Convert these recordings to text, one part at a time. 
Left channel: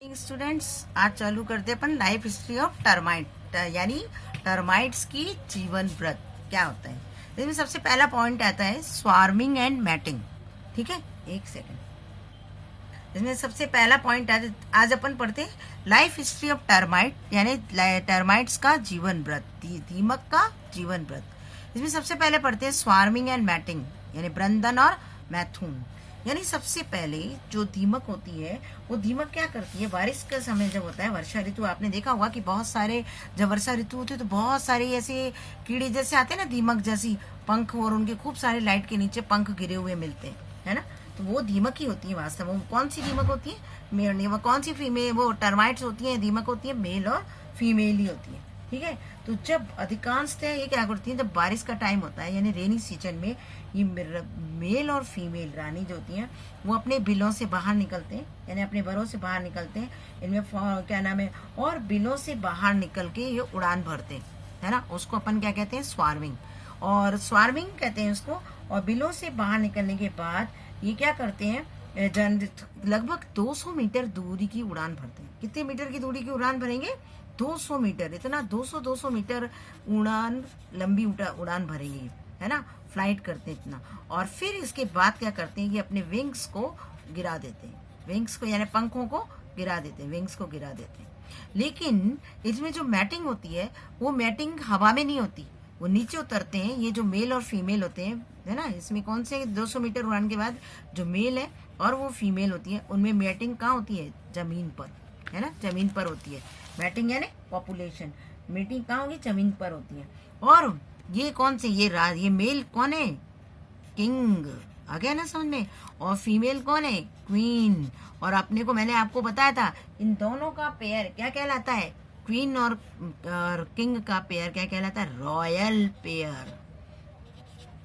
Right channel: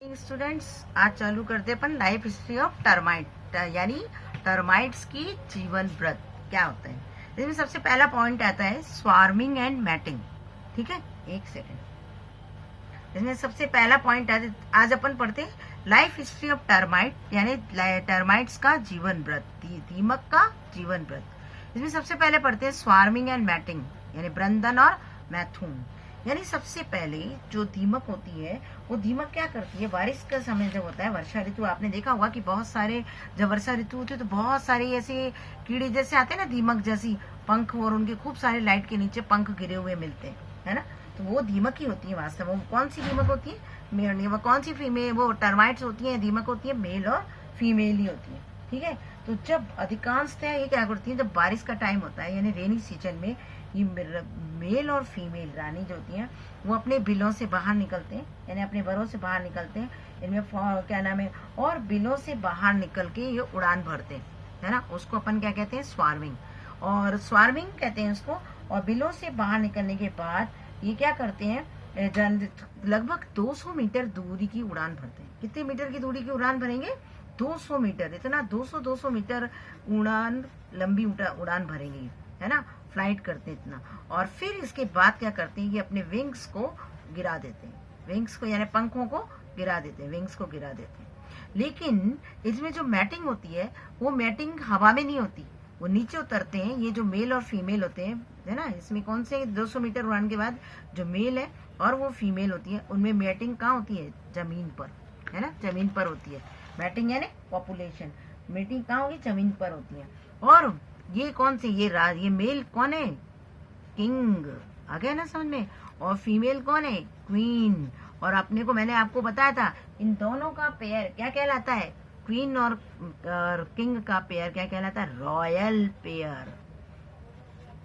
Students, आज चालू करते अपन लाइफ हिस्ट्री ऑफ टर्माइट यानी टर्माइट्स की जीवन व्रत क्या होता है। इसमें सबसे पहला पॉइंट आता है स्वार्मिंग एंड मैटिंग। ठीक है, एक सेकंड। इसमें सबसे पहला पॉइंट आता है, आज अपन पढ़ते हैं लाइफ हिस्ट्री ऑफ टर्माइट यानी टर्माइट्स का जीवन व्रत, दीमक का जीवन व्रत। इसमें सबसे पहले पढ़ते हैं स्वार्मिंग एंड मैटिंग यानी ब्रंदन और मैथुन। यानी सबसे पहले जो दीमक होती है वो दीमक क्या करती है, बारिश का समय जब होता है, वर्षा ऋतु, आपने देखा होगा कि बहुत सारे जब वर्षा ऋतु होती है तो बहुत सारे ऐसे कीड़े जैसे आते हैं ना, दीमक जैसी पंख, और उनके खूब सारे लाइट के नीचे पंख गिरे हुए मिलते हैं, है ना। तो वो दीमक ही होती है वास्तव में। कौन सी दीमक होती है? मेल। वो कौन सी फीमेल, वो टर्माइट्स होती है, दीमक होती है मेल और फीमेल ही होती है। ठीक है, तो जब अधिकांशतः ये क्या करती है, जब बारिश का टाइम होता है यानी रेनी सीजन में, ये मेल और फीमेल रानी जो होती हैं वो अपने बिलों से बाहर निकलते हैं यानी अपने बरों से बाहर निकलते हैं। इनमें क्या नाम है, और बिलों से बाहर निकल के ये उड़ान भरते हैं, है ना। उसको अपन क्या कहते हैं, स्वार्मिंग, और स्वार्मिंग कहते हैं उसको। और बिलों से बाहर निकलने के बाद ये क्या करते हैं, लगभग 200 मीटर दूरी की उड़ान भरते हैं। कितने मीटर की दूरी की उड़ान भरेंगे? 200 मीटर। इतना 200 मीटर उड़ान, लंबी उड़ान भरेंगे, है ना, फ्लाइट करते हैं इतना। और फिर इसके बाद क्या करते हैं, ये अपने विंग्स को गिरा देते हैं, विंग्स को यानी पंखों को गिरा देते हैं, विंग्स को गिरा देते हैं। लेकिन इसमें जो मैटिंग होती है वो मैटिंग हवा में नहीं होती, वो नीचे उतरते हैं। ये जो मेल और फीमेल होते हैं, है ना, इसमें कौन से 200 मीटर उड़ान के बाद जो मेल है और वो फीमेल होती है, उनमें मैटिंग कहाँ होती है? जमीन पर, है ना, जमीन पर होती है मैटिंग यानी पॉपुलेशन। मीटिंग कहाँ होगी? जमीन पर होती है। और ये कौन से, ये मेल कौन है? किंग। आ गया ना समझ में। और फीमेल कौन है? क्वीन। और अपने को मैंने आपको बताया था इन दोनों का पेयर क्या कहलाता है? क्वीन और किंग का पेयर क्या कहलाता है? Royal pair.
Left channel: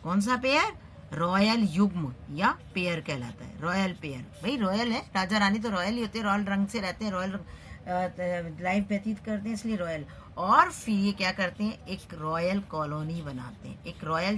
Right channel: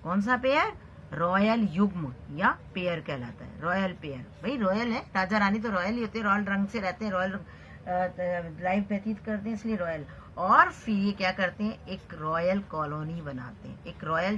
कौन सा पेयर? रॉयल युग्म या पेयर कहलाता है, रॉयल पेयर। भाई रॉयल है, राजा रानी तो रॉयल ही होते हैं, रॉयल रंग से रहते हैं, रॉयल लाइफ व्यतीत करते हैं, इसलिए रॉयल। और फिर ये क्या करते हैं, एक रॉयल कॉलोनी बनाते हैं, एक रॉयल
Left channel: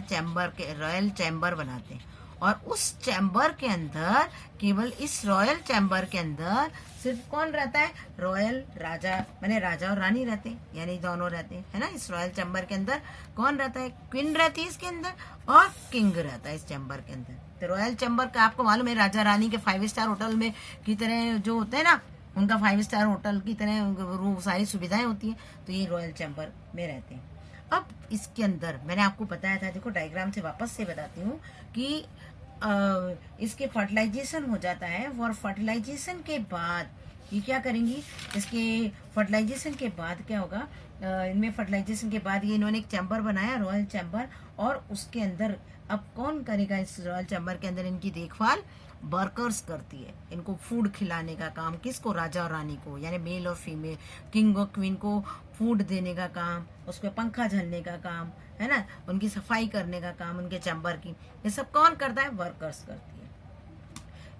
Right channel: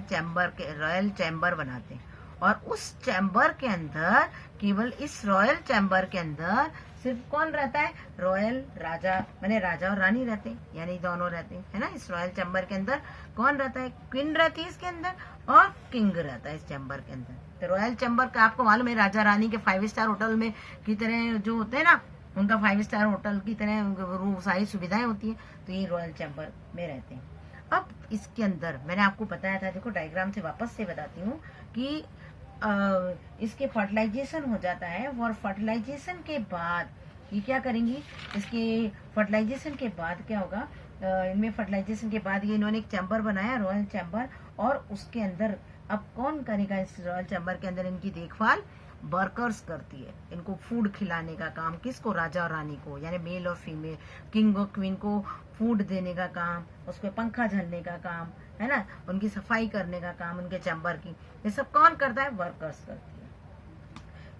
चैम्बर बनाते हैं। और उस चैम्बर के अंदर, केवल इस रॉयल चैम्बर के अंदर सिर्फ कौन रहता है? रॉयल राजा, माने राजा और रानी रहते हैं, यानी दोनों रहते हैं, है ना। इस रॉयल चैम्बर के अंदर कौन रहता है? क्वीन रहती है इसके अंदर, और किंग रहता है इस चैम्बर के अंदर। तो रॉयल चैम्बर का आपको मालूम है, राजा रानी के 5 स्टार होटल में की तरह जो होते हैं ना, उनका 5 स्टार होटल की तरह वो सारी सुविधाएं होती हैं, तो ये रॉयल चैम्बर में रहते हैं। अब इसके अंदर मैंने आपको बताया था, देखो डायग्राम से वापस से बताती हूँ कि इसके फर्टिलाइजेशन हो जाता है। और फर्टिलाइजेशन के बाद ये क्या करेंगी, इसके फर्टिलाइजेशन के बाद क्या होगा, इनमें फर्टिलाइजेशन के बाद ये इन्होंने एक चैम्बर बनाया, रॉयल चैम्बर। और उसके अंदर अब कौन करेगा इस रॉयल चैम्बर के अंदर इनकी देखभाल? वर्कर्स करती है, इनको फूड खिलाने का काम। किसको? राजा और रानी को, यानी मेल और फीमेल, किंग और क्वीन को फूड देने का काम, उसको पंखा झलने का काम, है ना, उनकी सफाई करने का काम, उनके चैम्बर की, ये सब कौन करता है? वर्कर्स करती है।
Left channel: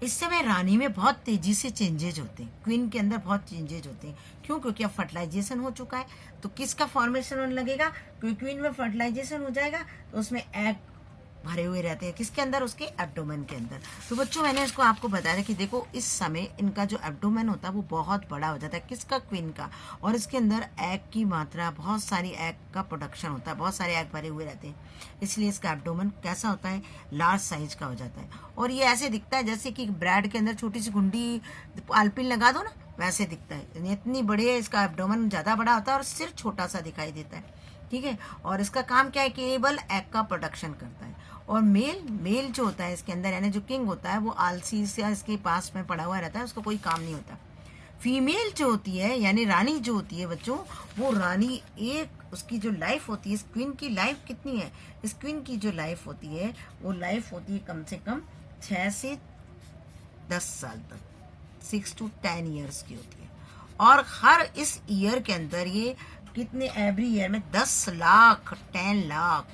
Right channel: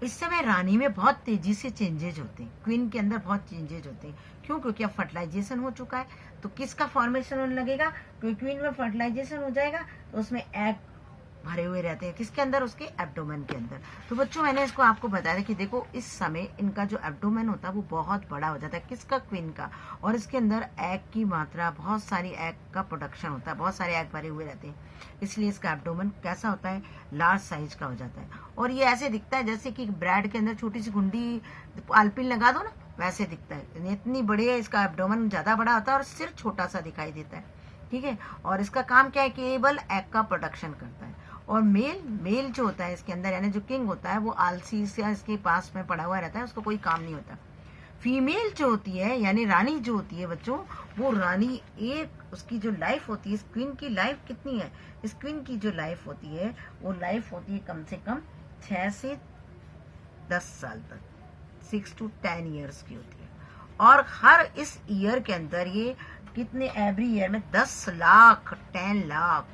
इस समय रानी में बहुत तेजी से चेंजेज होते हैं, क्वीन के अंदर बहुत चेंजेज होते हैं। क्यों? क्योंकि अब फर्टिलाइजेशन हो चुका है, तो किसका फॉर्मेशन होने लगेगा? क्योंकि क्वीन में फर्टिलाइजेशन हो जाएगा तो उसमें एग भरे हुए रहते हैं, किसके अंदर? उसके एब्डोमेन के अंदर। तो बच्चों मैंने इसको आपको बताया कि देखो इस समय इनका जो एब्डोमेन होता है वो बहुत बड़ा हो जाता है, किसका? क्वीन का। और इसके अंदर एग की मात्रा, बहुत सारी एग का प्रोडक्शन होता है, बहुत सारे एग भरे हुए रहते हैं, इसलिए इसका एब्डोमेन कैसा होता है? लार्ज साइज का हो जाता है। और ये ऐसे दिखता है जैसे कि ब्रेड के अंदर छोटी सी गुंडी आलपिन लगा दो ना, वैसे दिखता है। इतनी बड़ी है, इसका एब्डोमेन ज्यादा बड़ा होता है और सिर छोटा सा दिखाई देता है। ठीक है, और इसका काम क्या है? केवल एग का प्रोडक्शन करता है। और मेल जो होता है इसके अंदर, यानी जो किंग होता है, वो आलसी से इसके पास में पड़ा हुआ रहता है, उसको कोई काम नहीं होता। फीमेल जो होती है यानी रानी जो होती है बच्चों, वो रानी एक, उसकी जो लाइफ होती है, इस क्वीन की लाइफ कितनी है? इस क्वीन की जो लाइफ होती है वो लाइफ होती है कम से कम 6 से 10 साल तक, 6 to 10 ईयर्स की होती है। और हर इस ईयर के अंदर ये कितने, एवरी ईयर में 10 लाख, 10 लाख,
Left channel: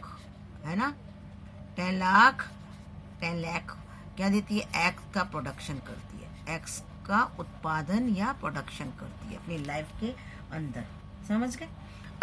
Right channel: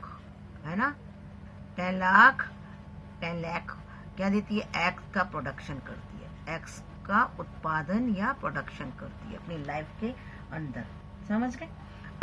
है ना, 10 लाख क्या देती है? एग का प्रोडक्शन करती है, एग्स का उत्पादन या प्रोडक्शन करती है अपनी लाइफ के अंदर। समझ गए?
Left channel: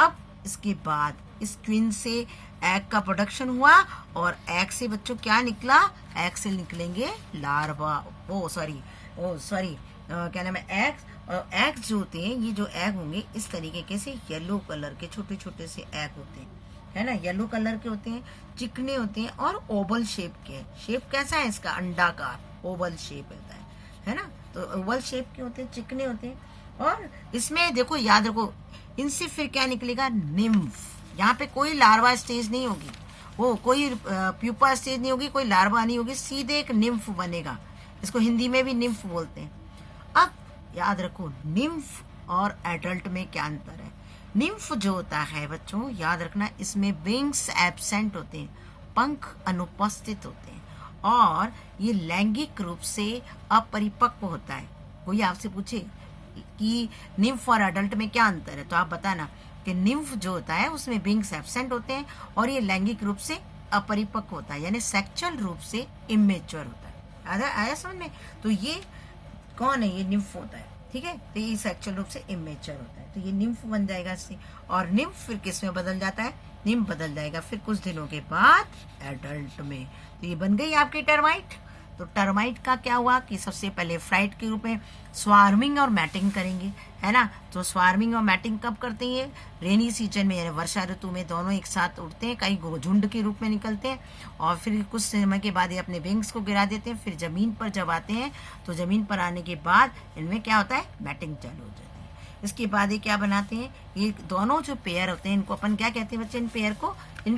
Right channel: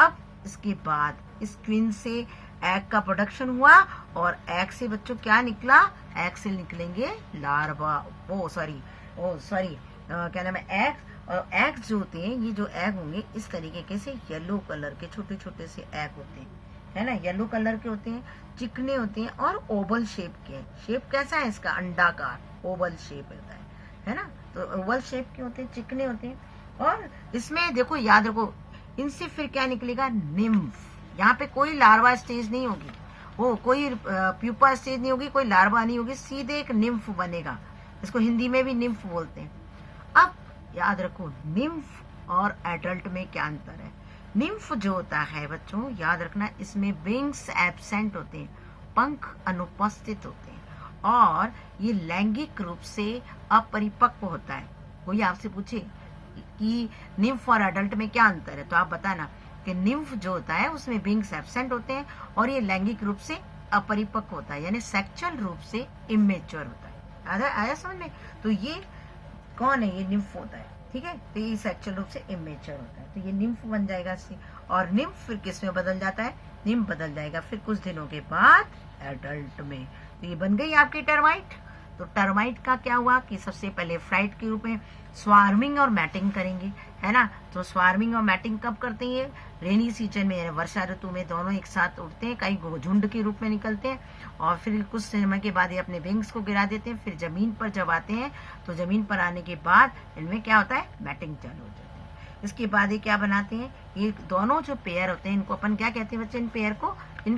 अब इसके बाद इस क्वीन से एग का प्रोडक्शन हुआ, और एग से बच्चों क्या निकला? एग से निकलेंगे लार्वा, क्या नाम है, एग्स। और एग्स जो होते हैं, ये जो एग होंगे इस तरीके के से येलो कलर के छोटे छोटे से एग होते हैं, है ना, येलो कलर के होते हैं, चिकने होते हैं और ओवल शेप के। शेप कैसा है इसका? अंडाकार ओवल शेप होता है ना। तो ओवल शेप के होते हैं, चिकने होते हैं। और इसमें देखो, याद रखो, इनसे फिर क्या निकलेगा? निम्फ। यहाँ पे कोई लार्वा स्टेज नहीं होगी, वो कोई प्यूपा स्टेज नहीं होगी, कोई लार्वा नहीं होगी, सीधे एक निम्फ बनेगा। इसको हिंदी में भी निम्फ बोलते हैं। अब याद रखो, निम्फ और एडल्ट में क्या अंतर है। निम्फ जो होता है बच्चों, याद रखना, इसमें विंग्स एब्सेंट होते हैं, पंख अनुपस्थित होते हैं, और ये लैंगिक रूप से अपरिपक्व होता है। कोई आपसे पूछे कि निम्फ और एडल्ट में क्या अंतर है, तो आप बताना कि निम्फ जो होता है उसमें विंग्स एब्सेंट होते हैं और ये लैंगिक रूप से अपरिपक्व होता है, यानी सेक्सुअल रूप से इमेच्योर होता है। आया समझ में? तो ये कौन है? ये निम्फ होता है, ठीक है। तो ये सेक्सुअल रूप से इमेच्योर होता है, तो ये निम्फ बन जाएगा इससे। और निम्फ फिर किस में बदल जाता है? निम्फ बदल जाएगा फिर कुछ दिनों के बाद एडल्ट में। तो ये बन गई आपकी टर्माइट। तो टर्माइट का क्या हुआ कि सबसे पहले फ्लाइट के रूप में स्वार्मिंग और मैटिंग करेंगे, है ना। तो स्वार्मिंग और मैटिंग कब करते हैं? रेनी सीजन में, यानी वर्षा ऋतु में दोनों एक साथ उड़ते हैं, कई झुंड के रूप में निकलते हैं, और फिर कुछ समय के बाद ये अपने विंग्स को गिरा देते हैं। फिर जमीन पर जब आते हैं तो जमीन पर आने के बाद इनमें क्या होता है? मैटिंग चालू हो जाती है। इसके बाद ये क्या बनाते हैं? ये दोनों जो पेयर होते हैं इनको अपन क्या कहते हैं बच्चे? इन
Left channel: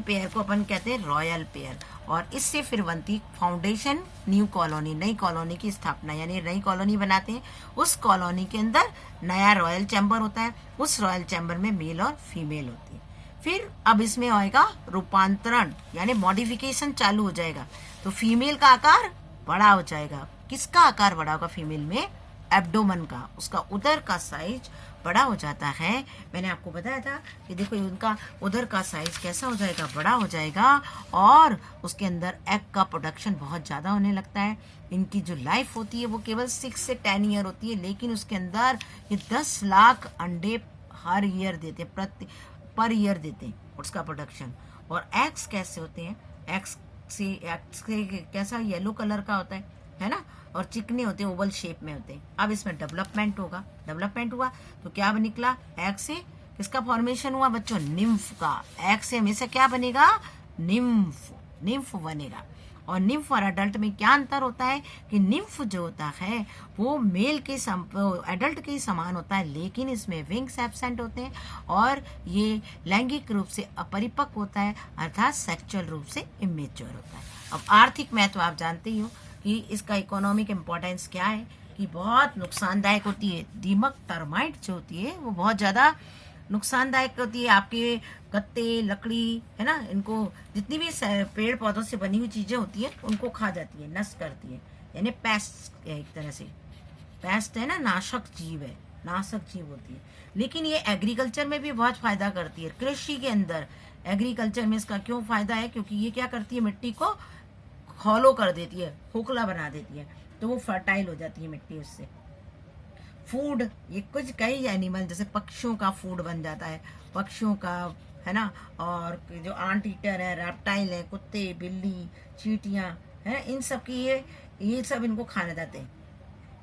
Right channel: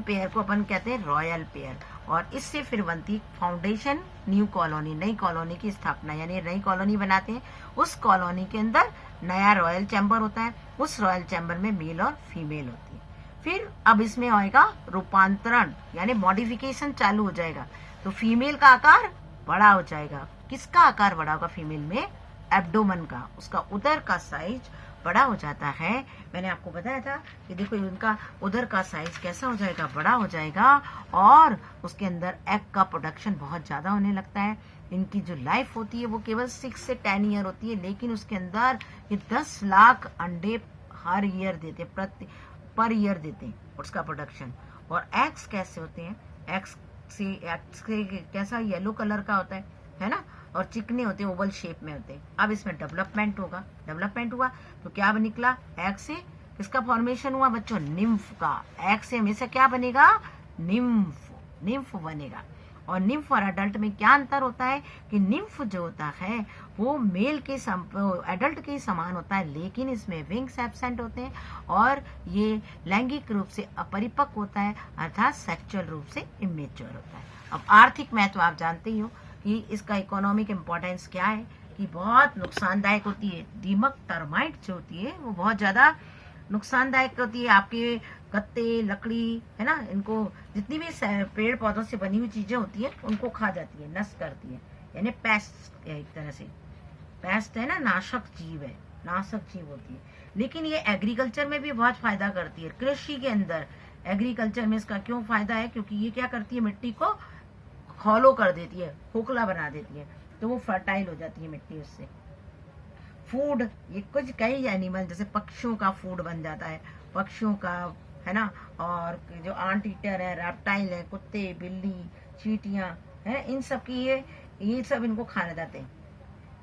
पेयर को अपन कहते हैं रॉयल पेयर। और इससे फिर बनती फाउंडेशन न्यू कॉलोनी, नई कॉलोनी की स्थापना, यानी नई कॉलोनी बनाते हैं। उस कॉलोनी के अंदर नया रॉयल चैम्बर होता है, उस रॉयल चैम्बर में मेल और फीमेल होती है। फिर अब इसमें आएगा रूपांतरण, यानी मॉडिफिकेशन चालू हो जाएगा। तो फीमेल का आकार बड़ा हो जाएगा। किसका आकार बड़ा होगा फीमेल में? एब्डोमन का, उसका उदर का साइज बड़ा हो जाता है। मैंने आपको बताया था कि देखो उनका उदर का साइज कैसा हो जाएगा? बड़ा हो जाएगा, और उसके अंदर एग का प्रोडक्शन बहुत ज़्यादा होने लगता है। इनकी जो लाइफ होती है वो केवल 6 से 10 ईयर होती है, लेकिन उसके अंदर ये 10 लाख अंडे हर ईयर देते, पर ईयर देते हैं उसका प्रोडक्शन। और एग्स कैसे होते हैं? एग्स से कैसा? येलो कलर का होता है ना, और चिकने होते हैं, ओवल शेप में होते हैं। अब इसमें डेवलपमेंट हुआ तो क्या निकला? एग से किसका फॉर्मेशन हुआ बच्चों? निम्फ का। एग से हमेशा क्या बनेगा? निम्फ बनेगा। और निम्फ और एडल्ट में क्या अंतर होता है कि निम्फ जो होता है वो मेल के एडल्ट के समान होता है, लेकिन इसमें विंग्स एब्सेंट होते हैं और ये लैंगिक रूप से अपरिपक्व होता है, अर्थात सेक्सुअल रूप से इमेच्योर होता है। अब आर्थिक महत्व आप जानते ही हो कि इसका इकोनॉमिक इम्पोर्टेंस क्या है, कि बहुत नुकसानदायक होती है। दीमक टर्माइट जो होती है वो बहुत ज़्यादा नुकसानदायक होती है। आपके गत्ते, लकड़ी, है ना, इनको जितनी भी पेड़ पौधों से बनी हुई चीज़ें होती है उनको खा जाती है, नष्ट करती है, यानी पेस्ट है एक तरह से। पेस्ट है ना, नाशक जीव है, नाशक जीव होती है। लेकिन ये एग्रीकल्चर में भी बहुत फायदा करती है। कृषि के अंदर एग्रीकल्चर में इसका क्यों फायदा है? क्योंकि ये क्या करती है? मिट्टी को हॉलो कर देती है, खोखला बना देती है, तो वो फर्टाइल हो जाती है मिट्टी उससे। फूड, ये कुछ कई एनिमल जैसे पक्षियों का फूड बन जाता है, पक्षियों का, है ना। और जो आंट ईटर है, रेप्टाइल है, कुत्ते, बिल्ली, चींटियां है, इन सब की ये सब इनको खाने जाते हैं।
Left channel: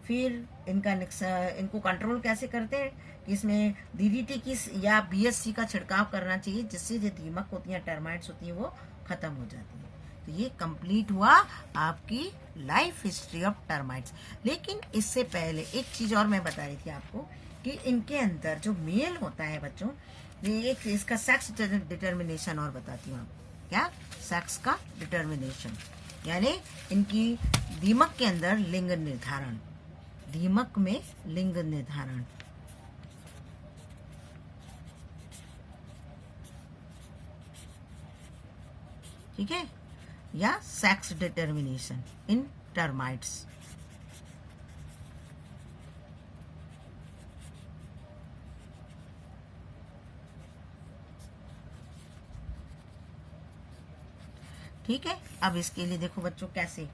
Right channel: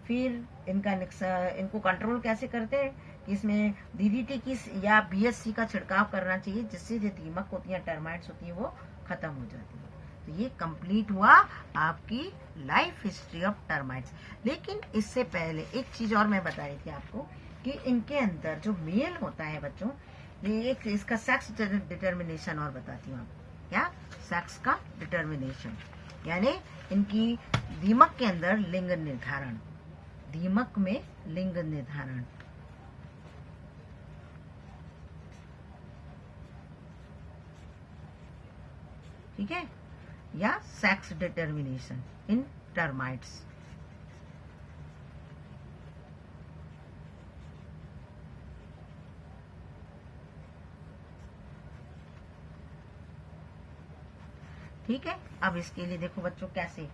फिर इनको कंट्रोल कैसे करते हैं कि इसमें डीडीटी की या बीएससी का छिड़काव करना चाहिए, जिससे जो दीमक होती है, टर्माइट्स होती है, वो खत्म हो जाती है। तो ये कंप्लीट हुआ आपकी लाइफ हिस्ट्री ऑफ टर्माइट्स। लेकिन इससे पहले एक चीज और मैं बता रही थी आपको कि इनके अंदर जो मेल होता है बच्चों, ये एक इसका सेक्स डिटर्मिनेशन और बताती हूँ। क्या? सेक्स का डिटर्मिनेशन, यानी इनकी दीमक के अंदर लिंग निर्धारण, दीमक में लिंग निर्धारण। ठीक है, या सेक्स डिटर्मिनेशन इन टर्माइट्स। ठीक है, अब इसके लिए देखो बच्चों कैसे,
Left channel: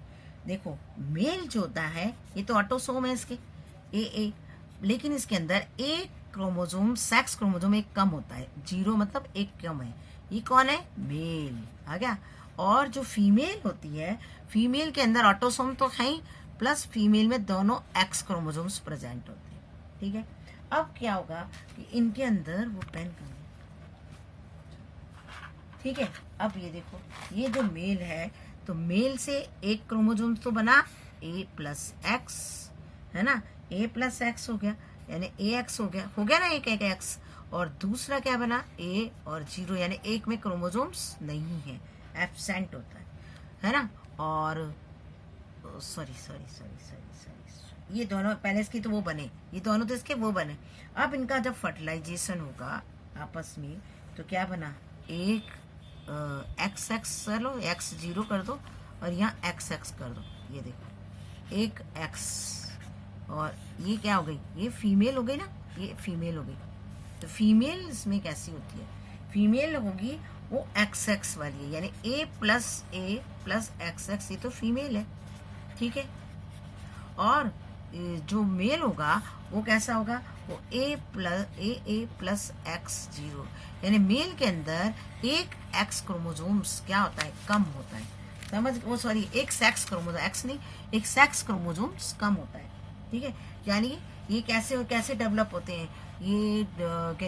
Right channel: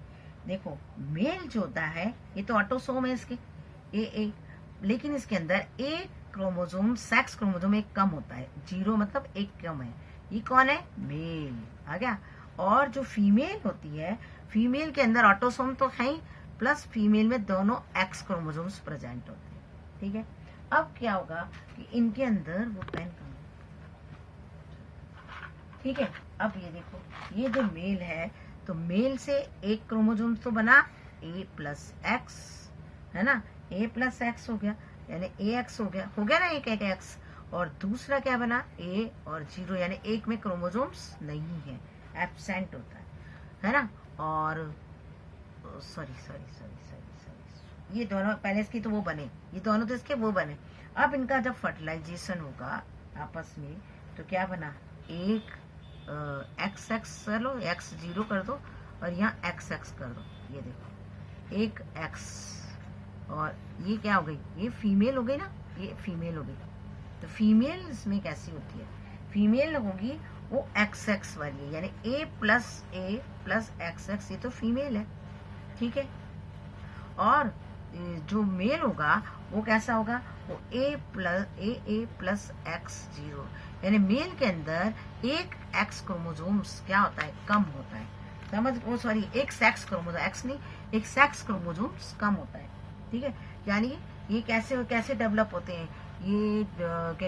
देखो मेल जो होता है ये तो ऑटोसोम है इसके ए, लेकिन इसके अंदर एक क्रोमोसोम, सेक्स क्रोमोसोम एक कम होता है, 0 मतलब एक कम है। ये कौन है? मेल आ गया। और जो फीमेल होती है, फीमेल के अंदर ऑटोसोम तो है ही, प्लस फीमेल में दोनों एक्स क्रोमोसोम्स प्रेजेंट होते हैं। ठीक है। अब क्या होगा कि इनके अंदर वो पेन कम है, ठीक है। अब ये देखो, ये जो मेल है, तो मेल से एक क्रोमोसोम तो बना A+X, है ना, A+X हो गया, यानी AX हो गया ना, एक X। और दूसरा क्या बना, A और 0, यानी एक में क्रोमोसोम्स नहीं है, एब्सेंट होता है ना। और सॉरी, ये दोनों पहले इसकी तो वो बने, ये दोनों तो इसके वो बने। अब इनका जब फर्टिलाइजेशन होगा आपस में, तो क्या बना, एक XX कर लो, X0 कर दो, और यहाँ XX कर दो, ये देखो एक X, और ये क्या हो गई, ये फीमेल हो गई ना, ये फीमेल हो गई। तो फीमेल इसमें कैसी होती है, फीमेल होगी वो XX वाली है, यानी A+A+XX, ये तो फीमेल है, ठीक है। और जो मेल होगा वो कैसा होगा, वो A+X0, यानी मेल के अंदर एक X क्रोमोसोम्स क्या होता है, कम होता है, समझ, वो सॉरी, एक सेक्स क्रोमोसोम, X नहीं, एक सेक्स क्रोमोसोम्स कम होता है, ठीक है। यानी ये कैसे डेवलप होते हैं, ये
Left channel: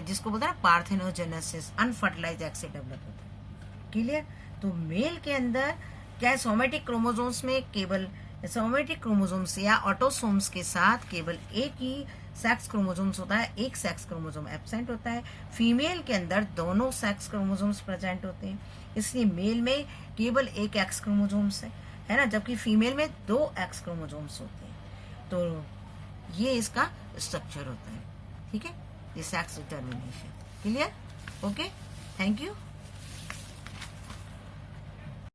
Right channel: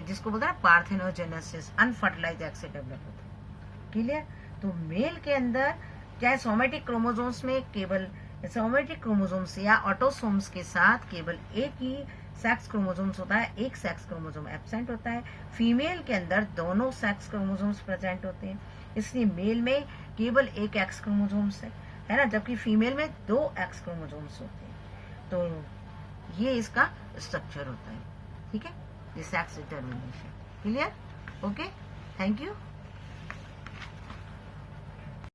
जिसको बोलते हैं ना पार्थेनोजेनेसिस, अनफर्टिलाइज्ड एग से डेवलप होते हैं, क्लियर। तो मेल के अंदर क्या है, सोमेटिक क्रोमोसोम्स में केवल सोमेटिक क्रोमोसोम्स या ऑटोसोम्स के साथ केवल एक ही सेक्स क्रोमोसोम्स होता है, एक सेक्स क्रोमोसोम एब्सेंट होता है। फीमेल के अंदर दोनों सेक्स क्रोमोसोम्स प्रेजेंट होते हैं, इसलिए मेल में केवल एक एक्स क्रोमोसोम्स है ना, जबकि फीमेल में 2 एक्स क्रोमोसोम्स होते हैं। तो ये इसका स्ट्रक्चर होता है, ठीक है, ये sex determination, clear, okay, thank you.